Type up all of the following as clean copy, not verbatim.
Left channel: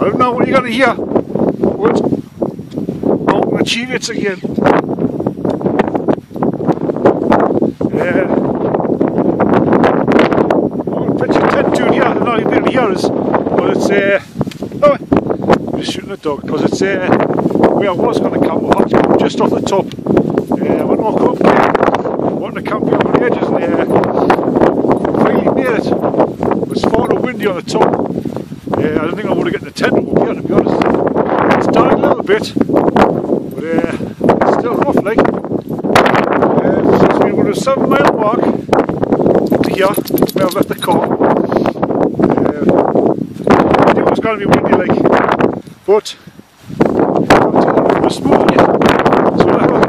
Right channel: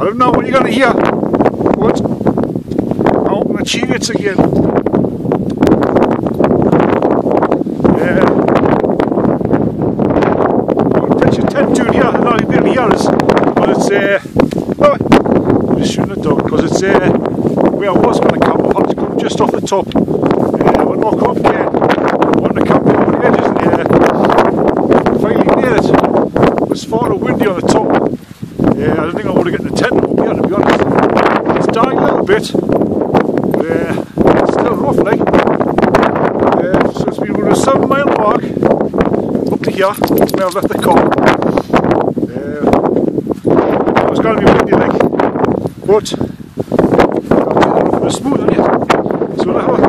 I don't know what you're going to hear, but oh, the chariots again. Yeah. I'll pitch a tent down here. I don't know if you'll be able to hear us, but it's oh, I'm just shooting a dog because it's where I was going to camp. I had to come just off the top. But Auchope Cairn. I wanted to camp here on the edges and finally made it. It was far too windy on the top. I don't think I would have gotten the tent up here, to be honest. It's dying a little bit, but it's still rough, like. Since we were a 7 mile walk up to here, where I've left the car. It was going to be windy, like, but it was smooth, isn't it? So that was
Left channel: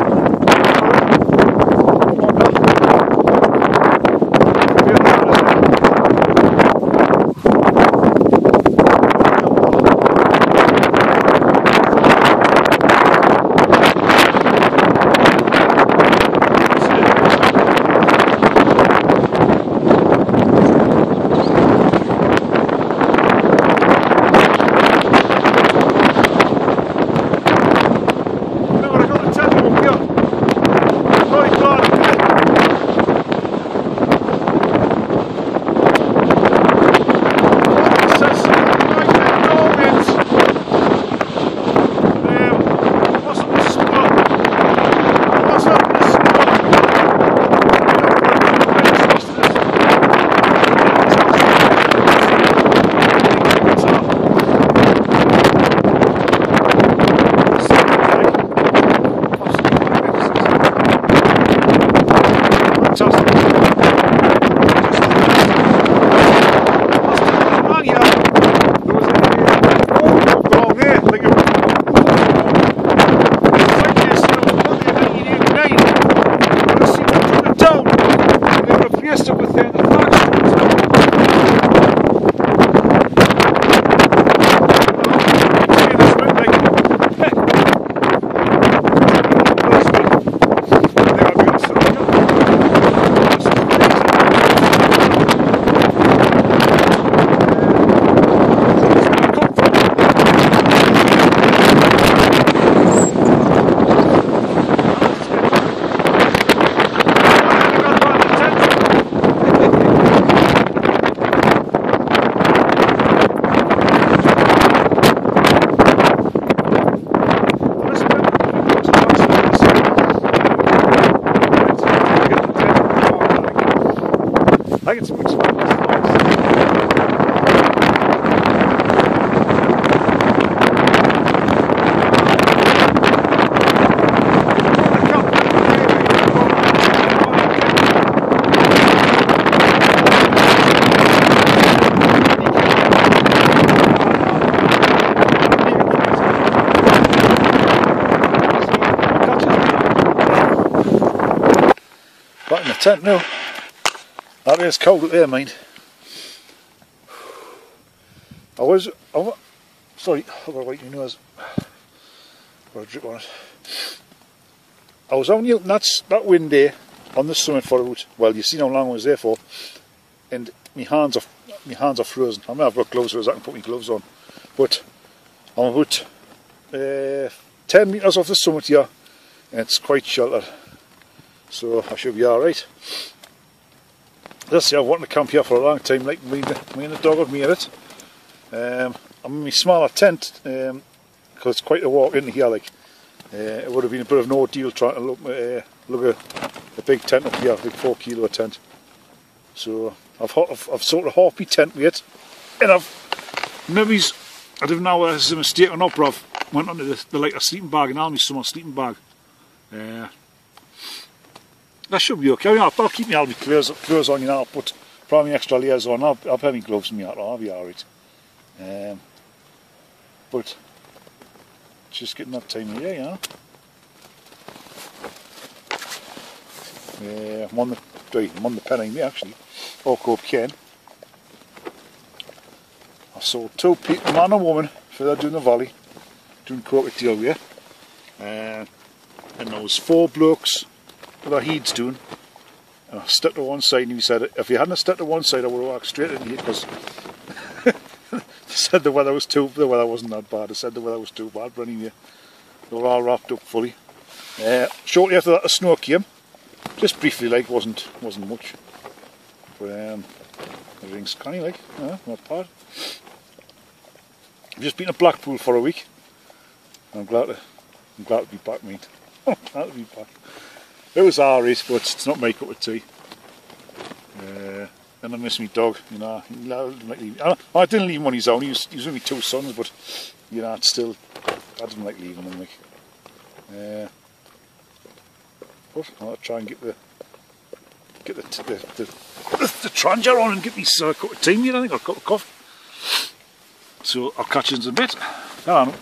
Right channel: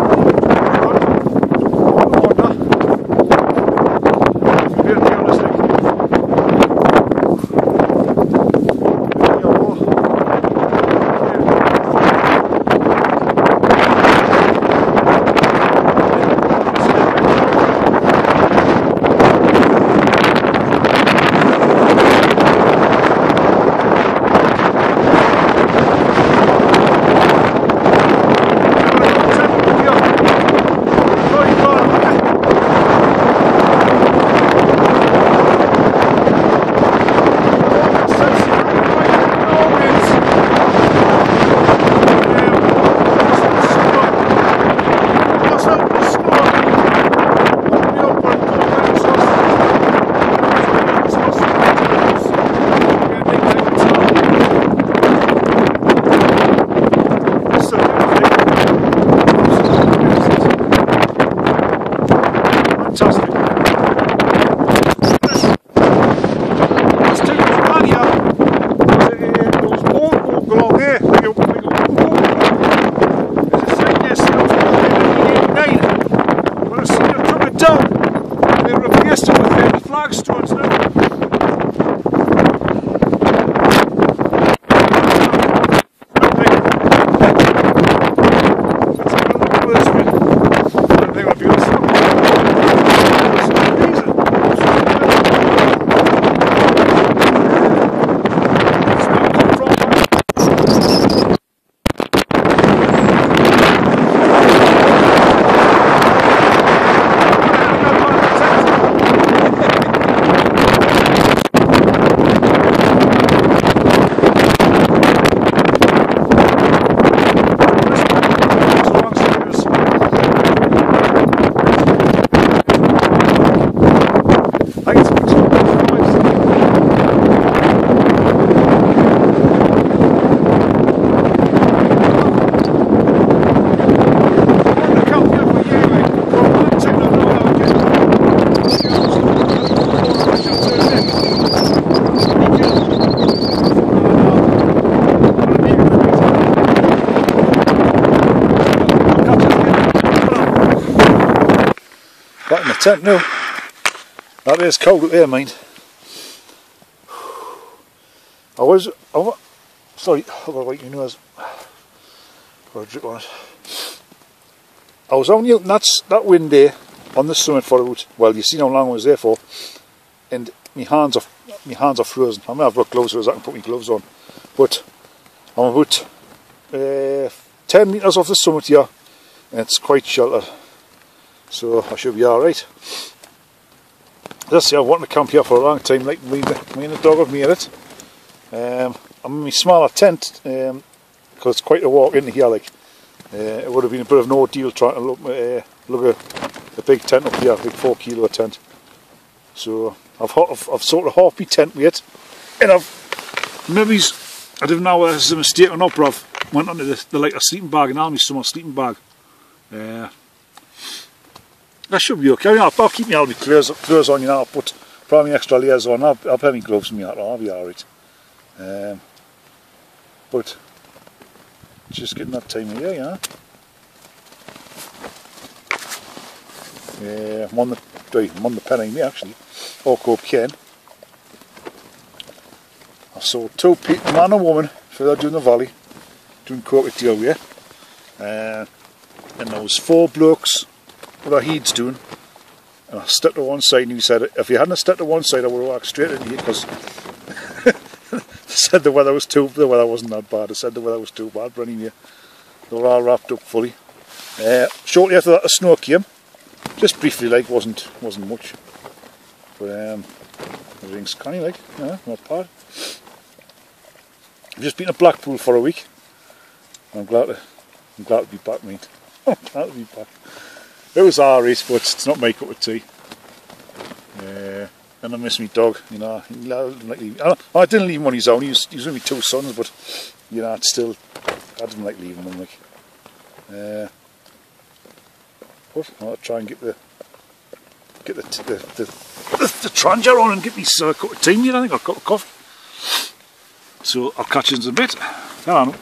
back in the tent now. That is cold up there, mind. Sorry, I've got to wipe your nose. Got a drip on it. I was only out that wind day on the summit for about, well, you see how long I was there for, and my hands are frozen. I mean, I've got gloves so I can put my gloves on, but I'm about 10 metres off the summit here, and it's quite sheltered, so I should be alright. I've wanted to camp here for a long time, like me and the dog have made it. I'm in my smaller tent, because it's quite a walk into here, like. It would have been a bit of an ordeal trying to look a big tent up here, a big 4 kilo tent. So I've sort of half my tent weight, and I don't know whether this is a mistake or not, but I've went onto the like a sleeping bag, and all my summer sleeping bag. That should be okay. I mean, I'll keep all my clothes on, you know. I'll put probably extra layers on. I'll have my gloves in me. I'll be alright. But just getting that time of year, you know. Yeah, I'm on the penning me actually. Auchope Cairn. I saw 2 people, a man and a woman, further down the valley, doing crocodile here. And there was 4 blokes with their heads doing. And I stepped to one side, and he said, if you hadn't stepped to one side, I would have walked straight into you, because said the weather wasn't that bad. I said the weather was too bad, but anyway, they were all wrapped up fully. Shortly after that, the snow came. Just briefly, like, wasn't much. But everything's canny, like, not bad. I've just been to Blackpool for a week. I'm glad to be back, mate. I'm glad to be back. It was alright, but it's not my cup of tea. And I miss my dog, you know. I didn't leave him on his own. He was with my two sons, but you know, it's still, I didn't like leaving him. Like, but I'll try and get the Tranger on and get me a cup of tea, mate. I think I've got a coffee. So I'll catch you in a bit. Hello.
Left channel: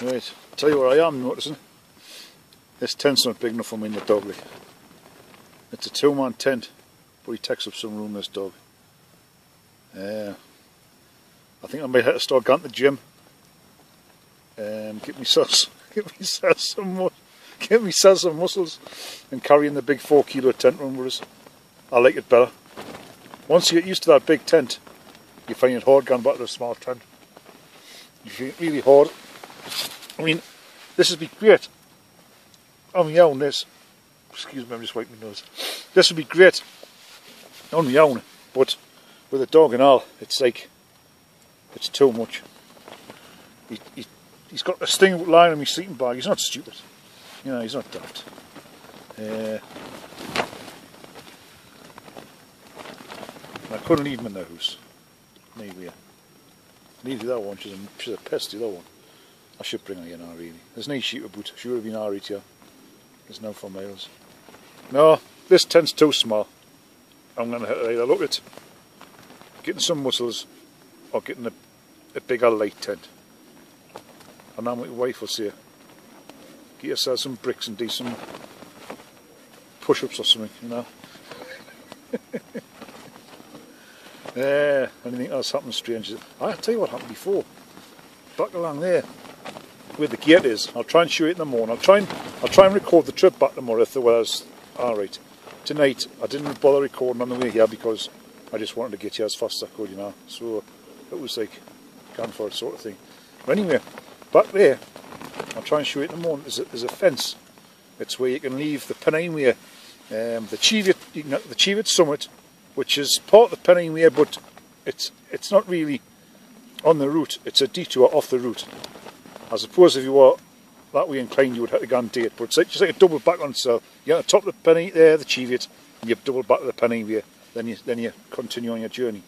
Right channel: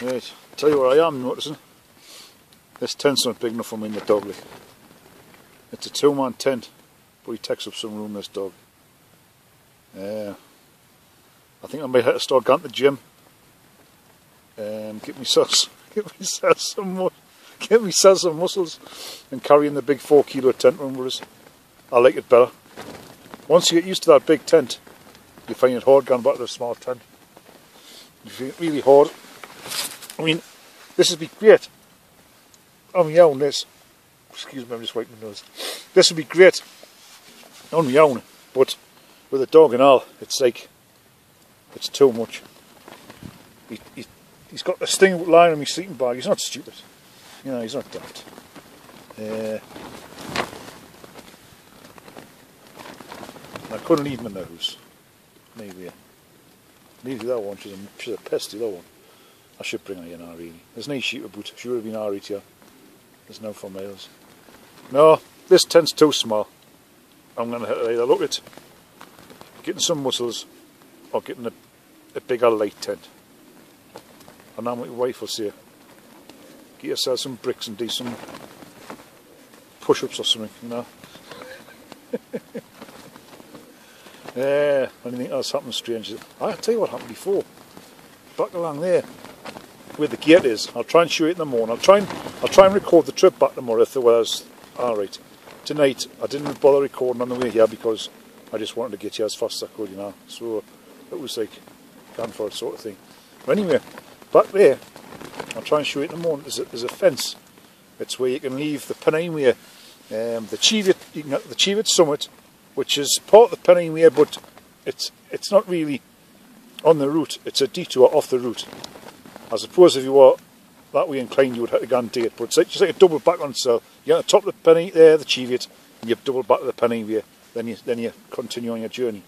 Right, tell you what I am noticing. This tent's not big enough for me and the dog. Like. It's a 2-man tent, but he takes up some room, this dog. I think I might have to start going to the gym. Get myself some muscles and carrying the big 4 kilo tent around with us. I like it better. Once you get used to that big tent, you find it hard going back to the small tent. You find it really hard. I mean, this would be great. On my own, this. Excuse me, I'm just wiping my nose. This would be great on my own, but with a dog and all, it's like, it's too much. He's got this thing lying on my sleeping bag. He's not stupid. You know, he's not daft. I couldn't leave him in the house. Maybe. Neither that one. She's a pest, the other one. I should bring her in now, really. There's no sheep about. She would have been alright here. There's no 4 miles. No, this tent's too small. I'm going to have to either look at getting some muscles or getting a bigger light tent. And now my wife will say, get yourself some bricks and do some push-ups or something, you know. Anything else happened strange? I'll tell you what happened before. Back along there, where the gate is. I'll try and show it in the morning. I'll try and record the trip back tomorrow if the weather's alright. Tonight I didn't bother recording on the way here because I just wanted to get here as fast as I could, you know. So it was like gone for it sort of thing. But anyway, back there, I'll try and show it in the morning. There's a fence. It's where you can leave the Pennine Way, the Cheviot Summit, which is part of the Pennine Way, but it's not really on the route. It's a detour off the route. I suppose if you were that way inclined, you would have to go and do it. But it's like, just like a double back on itself. You're at the top of the Pennine there, the Cheviot, and you double back to the Pennine Way. Then you continue on your journey.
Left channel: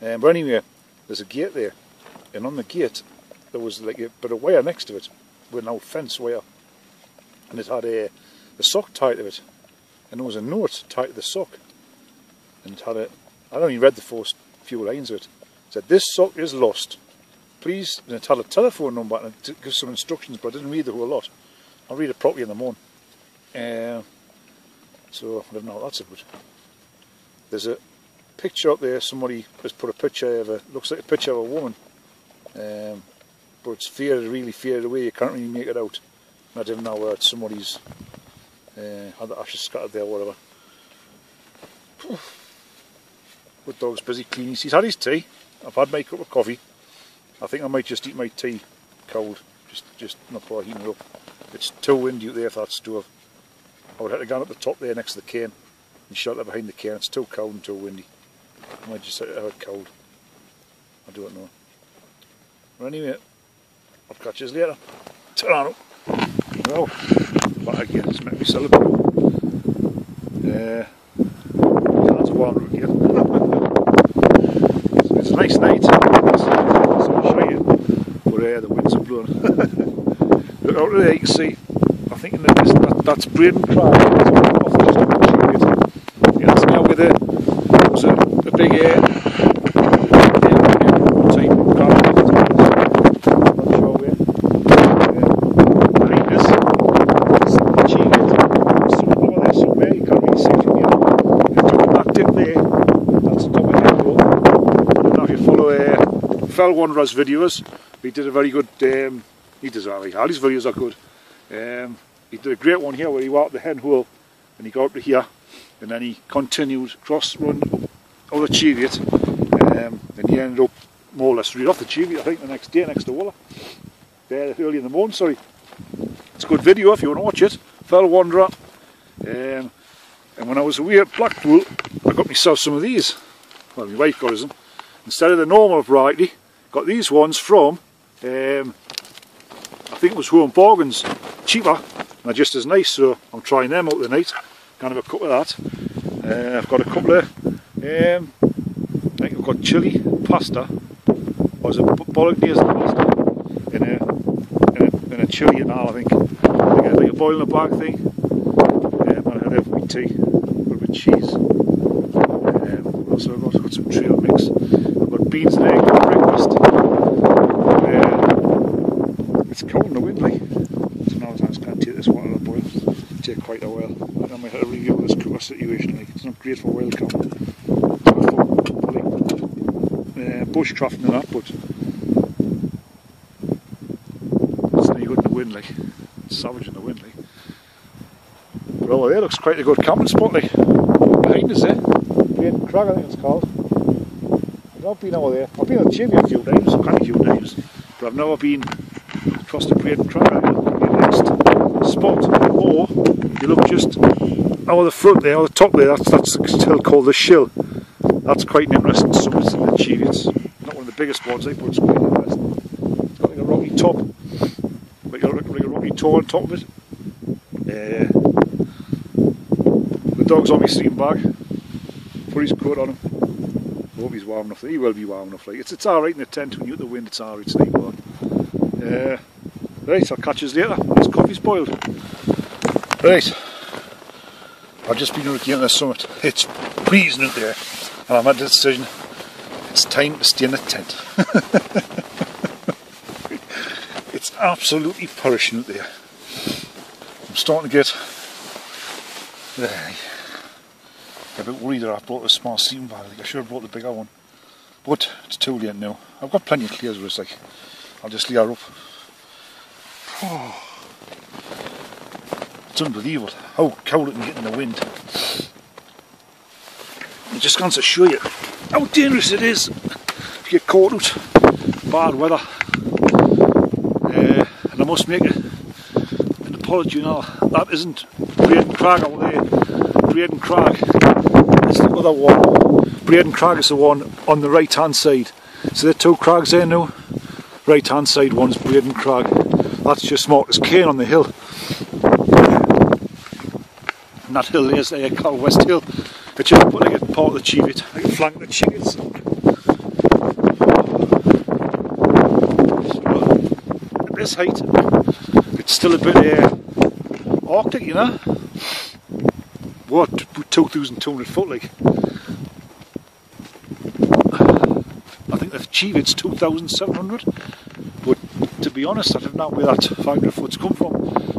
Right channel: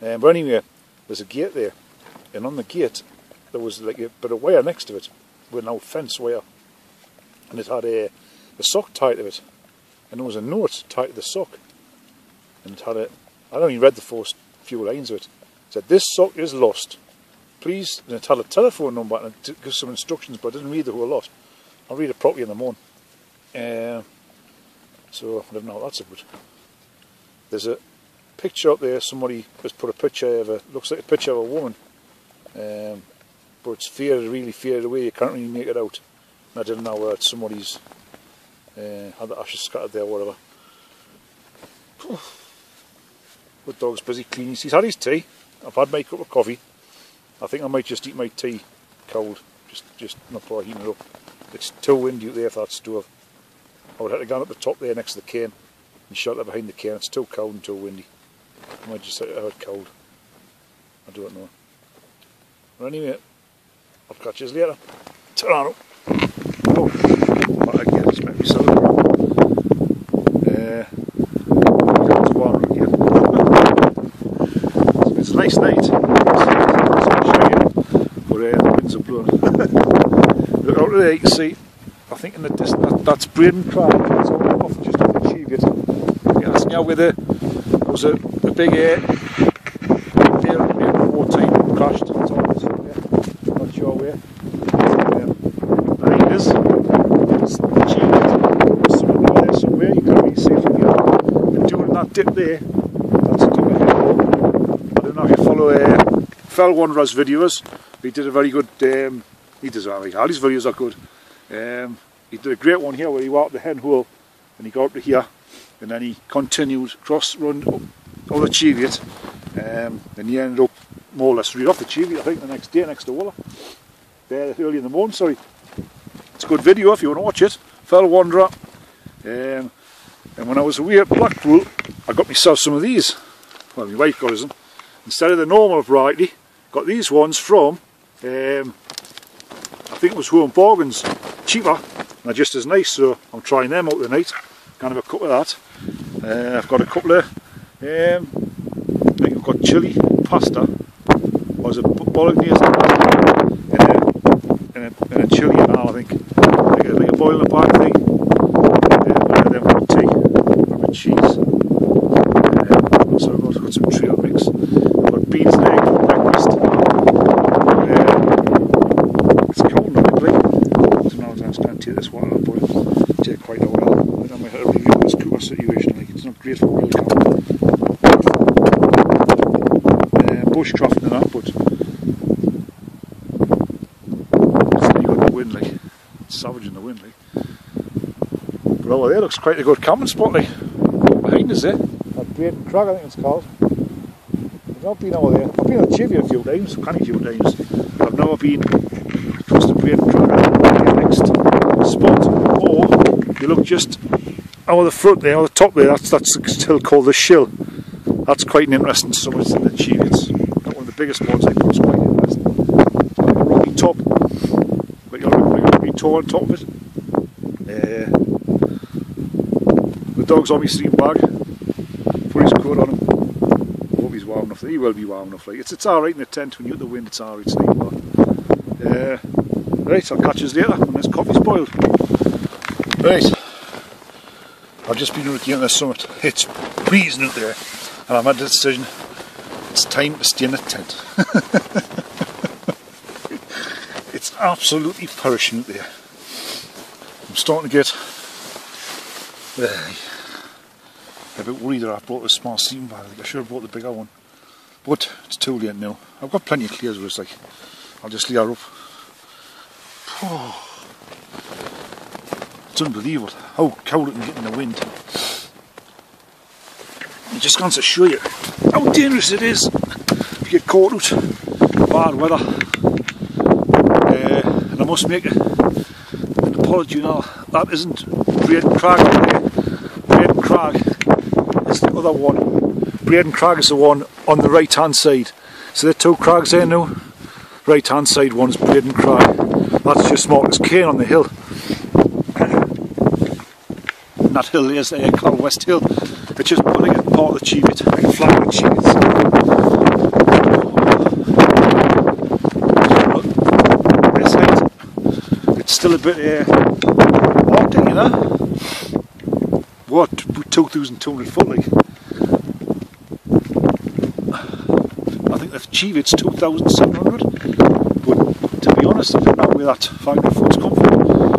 But anyway, there's a gate there, and on the gate there was like a bit of wire next to it, with an old fence wire, and it had a sock tied to it, and there was a note tied to the sock, and it had I only read the first few lines of it. It said, "This sock is lost. Please," and it had a telephone number and it gives some instructions, but I didn't read the whole lot. I'll read it properly in the morning. So I don't know what that's about. There's a picture up there. Somebody has put a picture of looks like a picture of a woman, but it's faded, really faded away. You can't really make it out. And I didn't know whether it's somebody's had the ashes scattered there or whatever. The dog's busy cleaning. He's had his tea. I've had my cup of coffee. I think I might just eat my tea cold, just not bother heating it up. It's too windy out there for that stove. I would have to go up the top there next to the cairn and shelter behind the cairn. It's too cold and too windy. I might just have it cold. I don't know. But anyway, I'll catch you later. Ta-ra. Oh, back again, just make myself it's warm again. It's a nice night. But the winds are blowing. Look out there, you can see, I think in the distance, that's Braden Crag. It's off just on the Cheviot. Yeah, that's now where there was a big watertight crag. I'm not sure where. I think it is. It's the Cheviot. Somewhere over there somewhere, you can't really see it from here. If you took that dip there, that's a double hill. I don't know if you follow Fell Wanderers videos. He did a very good, he does all right, all his videos are good. He did a great one here where he walked the hen hole and he got up to here and then he continued run over the Cheviot and he ended up more or less read off the Cheviot, I think, the next day next to Wooler. There, early in the morning, sorry. It's a good video if you want to watch it. Fell Wanderer. And when I was away at Blackpool, I got myself some of these. Well, my wife got us them. Instead of the normal variety, got these ones from, I think it was Home Bargains. Cheaper, and they're just as nice, so I'm trying them out tonight. Kind of a cup of that. I've got a couple of, I think I've got chilli, pasta, or is it bolognese and a chilli and all, I think. Like a boil in a bag thing. And I've got tea, I've got cheese. So I've got some trail mix. I've got beans and egg for breakfast. It's cold now, really. So now I'm starting to take this water to boil. Take quite a while. I might have a review of this cooker situation. Like, it's not great for wild cow. Bushcraft and that, but it's really good in the wind, like. It's savage in the wind, like. But over there looks quite a good camping spot, like. Behind us there. Great Crag, I think it's called. I've not been over there. I've been on Cheviot a few times, a few times, but I've never been across the Great Crag, the next spot. Or you look just over the front there, on the top there, that's still called the Shill. That's quite an interesting summit in the Cheviots. Not one of the biggest ones, but it's quite interesting. Like a rocky top, like a rocky toe on top of it. The dog's on my sleeping bag. Put his coat on him. I hope he's warm enough. He will be warm enough. Like it's alright in the tent when you're at the wind. It's alright. It's nice warm. Right, I'll catch you later when this coffee's boiled. Right, I've just been looking at the summit. It's freezing out there, and I've made the decision. It's time to stay in the tent. It's absolutely perishing out there. I'm starting to get a bit worried that I brought a small sleeping bag. Like I should have brought the bigger one, but it's too late now. I've got plenty of clears where it's like I'll just lay her up. Oh, it's unbelievable how cold it can get in the wind. I'm just going to show you how dangerous it is if you get caught out bad weather. And I must make an apology now. That isn't Braden Crag up there. Braden Crag is the other one. Braden Crag is the one on the right hand side. So there are two crags there now. Right hand side one's Braden Crag. That's just marked as Cairn on the hill. And that hill is there called West Hill. It's just like a part of the Cheviot, like a flank of the Cheviot. This height, it's still a bit Arctic, you know. What, 2,200 foot like? I think the Cheviot's 2,700. But to be honest, I don't know where that 500 foot's come from,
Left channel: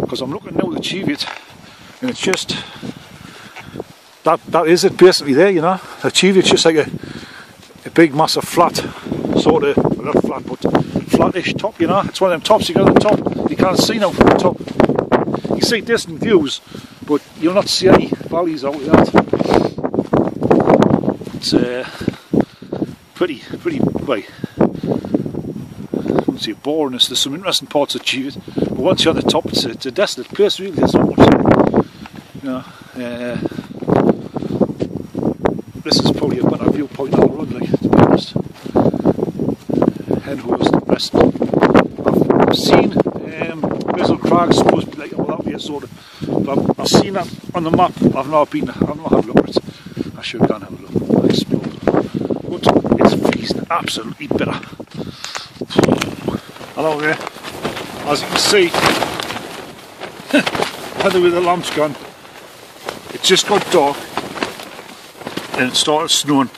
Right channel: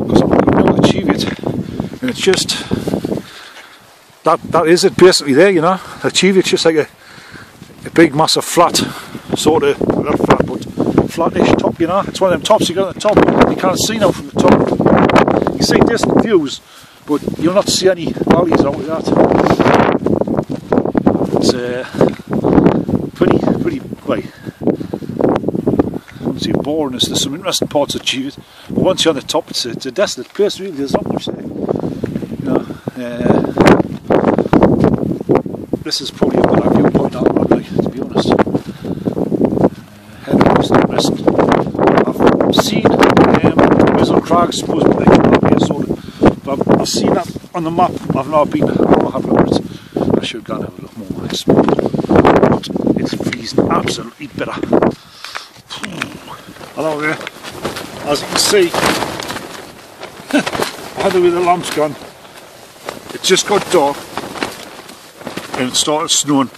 because I'm looking now at the Cheviot, and it's just that is it basically there, you know. The Cheviot's just like a big massive flat, sort of not flat but flattish top, you know. It's one of them tops you got at the top. You can't see now from the top. You see distant views, but you'll not see any valleys out of that. It's pretty like, I wouldn't say boring. There's some interesting parts of Cheviot, but once you're on the top, it's a desolate place. Really, there's not much there, you know. This is probably a better viewpoint I'll run, like, to be honest. Head of East and West. I've seen Mizzle Crag, supposed to be like that way, sort of. But I've seen that on the map. I've not been. I don't know how to look at it. I should have gone and have a look more. But it's freezing absolutely bitter. Hello there. As you can see, whether with the lamp's gone, it just got dark. And it started snowing.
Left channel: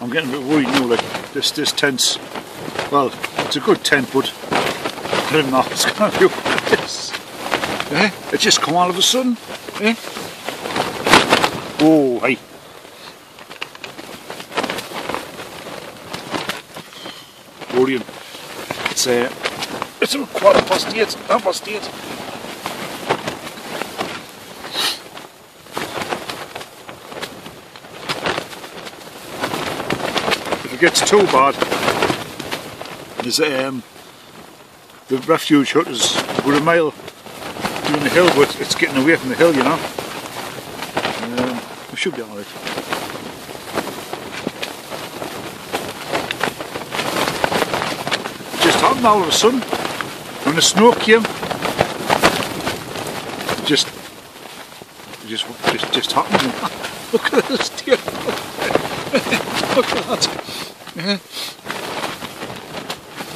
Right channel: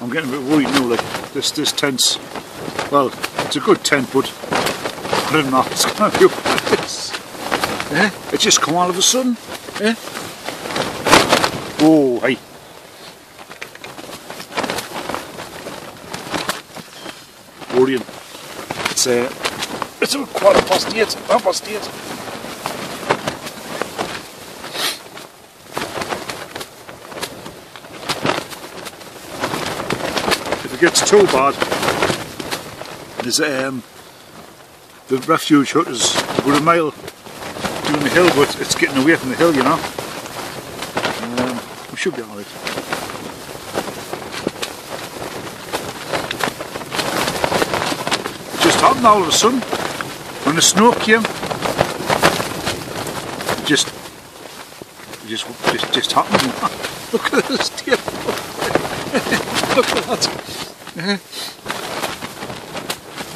I'm getting a bit worried now, like this tent's, well, it's a good tent, but I don't know, it's going to be like this. It just come all of a sudden. Oh, hey. Worrying. It's a 8:15, 8:30. gets too bad, there's the refuge hut is about a mile down the hill, but it's getting away from the hill, you know. We should be alright. It just happened all of a sudden when the snow came. It just happened. Look at this deer. Look at that.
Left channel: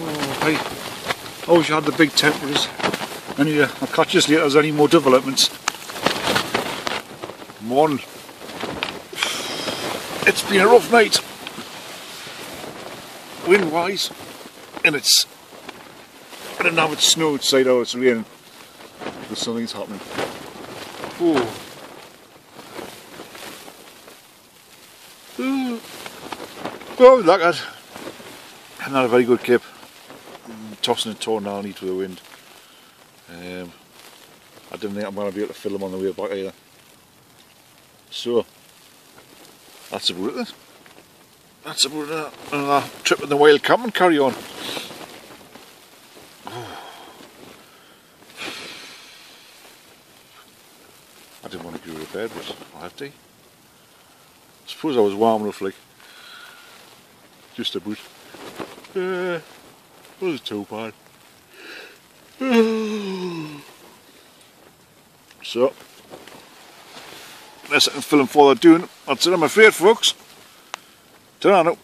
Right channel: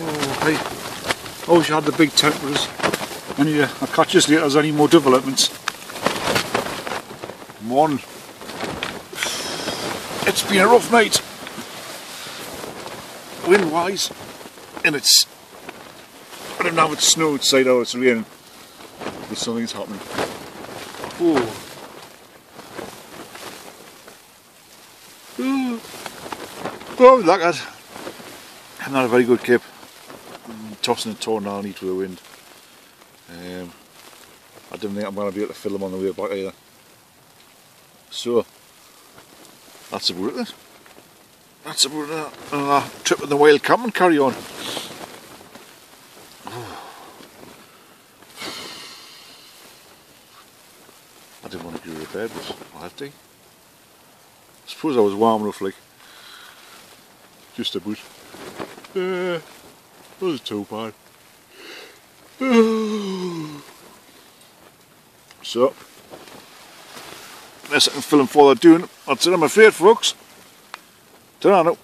Oh, hey. I wish I had the big temperatures. Anyway, I'll catch you later if there's any more developments. Morning. It's been a rough night. Wind wise. And I don't know if it's snow outside or it's raining. But something's happening. Oh. Oh, look at that. Not a very good clip. Tossing and torn down each with the wind. I don't think I'm going to be able to film them on the way back either. So, that's about it. That's about another trip in the wild camp and carry on. I didn't want to go to bed, but I have to. I suppose I was warm enough, like. Just about. Wasn't too bad. So, unless I can film further doing, that's it, I'm afraid, folks. Don't know.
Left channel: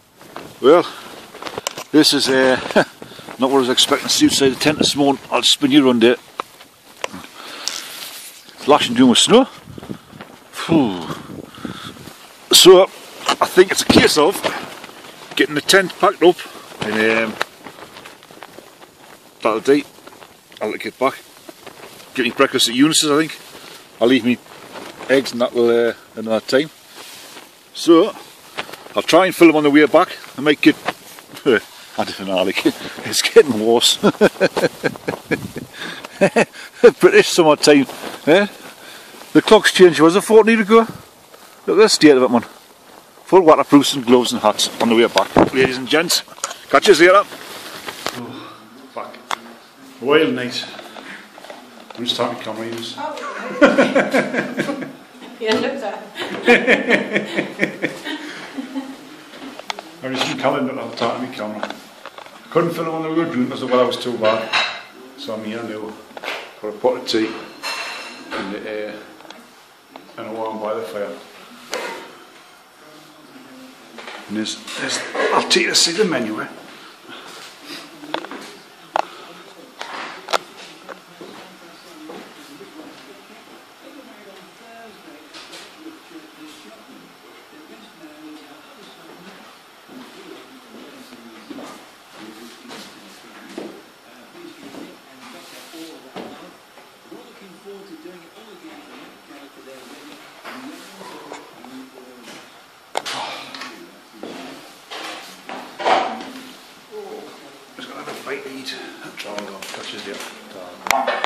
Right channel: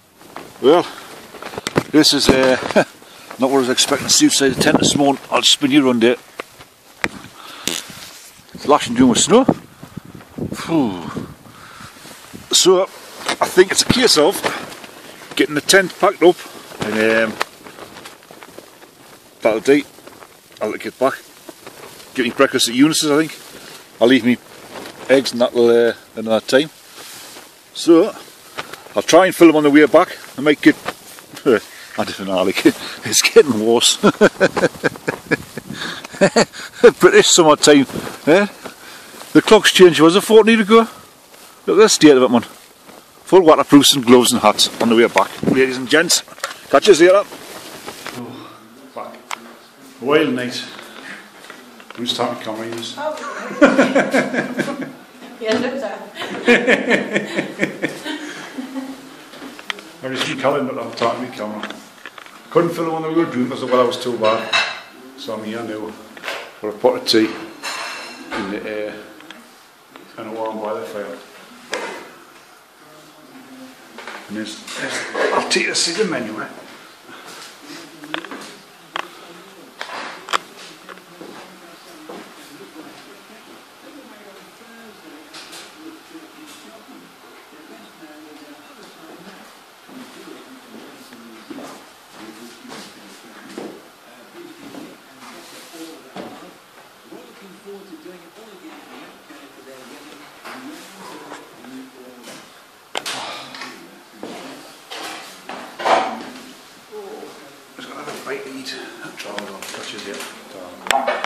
Well, this is not what I was expecting to see outside the tent this morning. I'll spin you around there. It's lashing down with snow. Whew. So, I think it's a case of getting the tent packed up and that'll do. I'll get back. Get me breakfast at Eunice's, I think. I'll leave me eggs and that will another time. So I'll try and film on the way back. I might get I don't know, like, it's getting worse. British summertime, eh? The clock's changed, was it 14 ago? Look at the state of it, man. Full waterproofs and gloves and hats on the way back. Ladies and gents, catch you later. Oh, back. A wild night. I'm just talking cameras. Yeah, look that. I just been calling it, I'm talking to my camera. I couldn't film when we were doing because the weather was too bad. So I'm here now. Got a pot of tea in the air and a warm by the fire. And I'll take you to see the menu. Bite to eat. Try it on. Catch you there.